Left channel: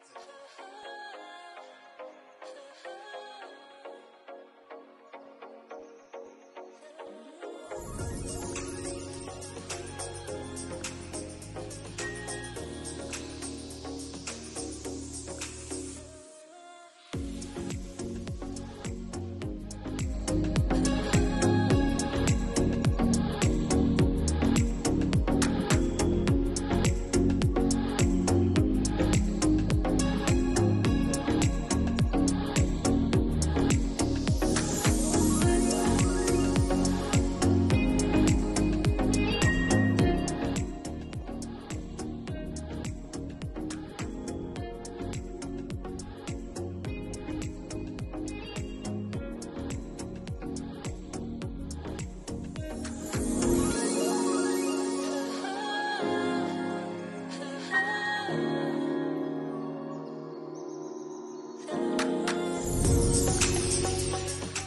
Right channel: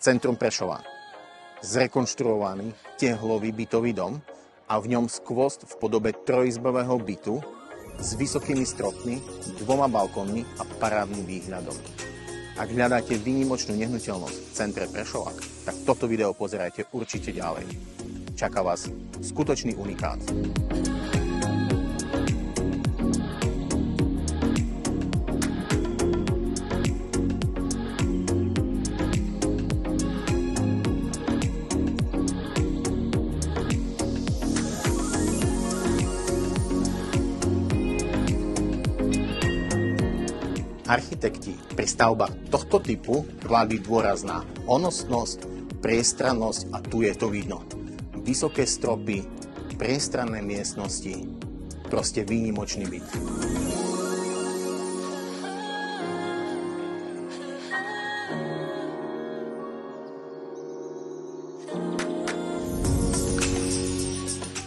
Centrum Prešova. Zrekonštruovaný tehlový bytový dom a v ňom skvost v podobe trojizbového bytu s vysokými stropmi, 2 balkónmi a parádnym výhľadom. Ak hľadáte výnimočnú nehnuteľnosť v centre Prešova, tak toto video pozerajte určite ďalej. Čaká vás skutočný unikát. Architekti pri stavbách tohto typu kladli dôraz na honosnosť, priestrannosť a tu je to vidno. Vysoké stropy, priestranné miestnosti, proste výnimočný byt.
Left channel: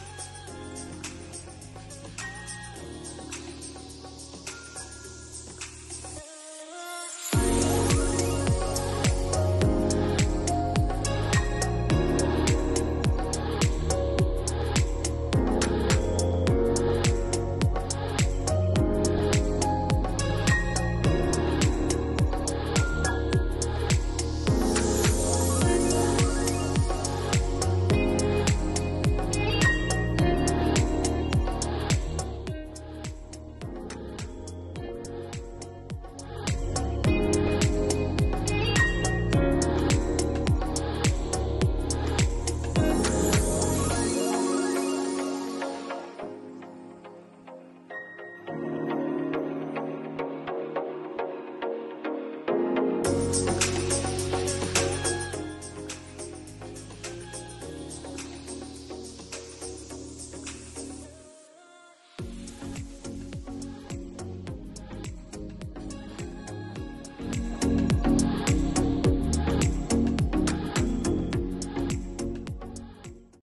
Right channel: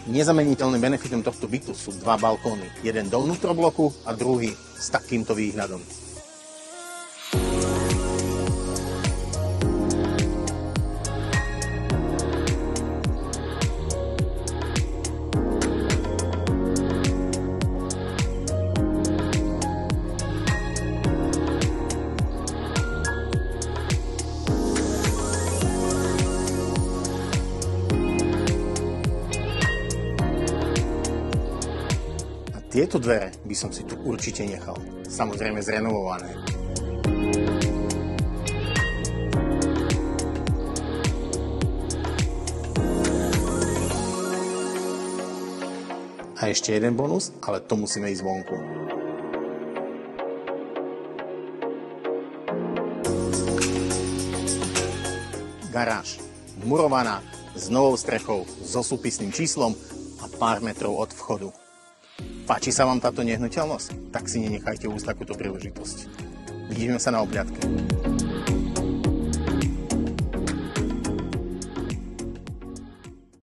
Nezameniteľným benefitom tohto bytu sú 2 balkóny. Jeden do vnútrobloku a druhý s takýmto výhľadom. Tieto dvere by som si tu určite nechal. Samozrejme zrenovované. A ešte jeden bonus, ale to musíme ísť vonku. Garáž. Murovaná, s novou strechou, so súpisným číslom a pár metrov od vchodu. Páči sa vám táto nehnuteľnosť? Tak si nenechajte úsť takúto príležitosť. Vidíme sa na obňatke.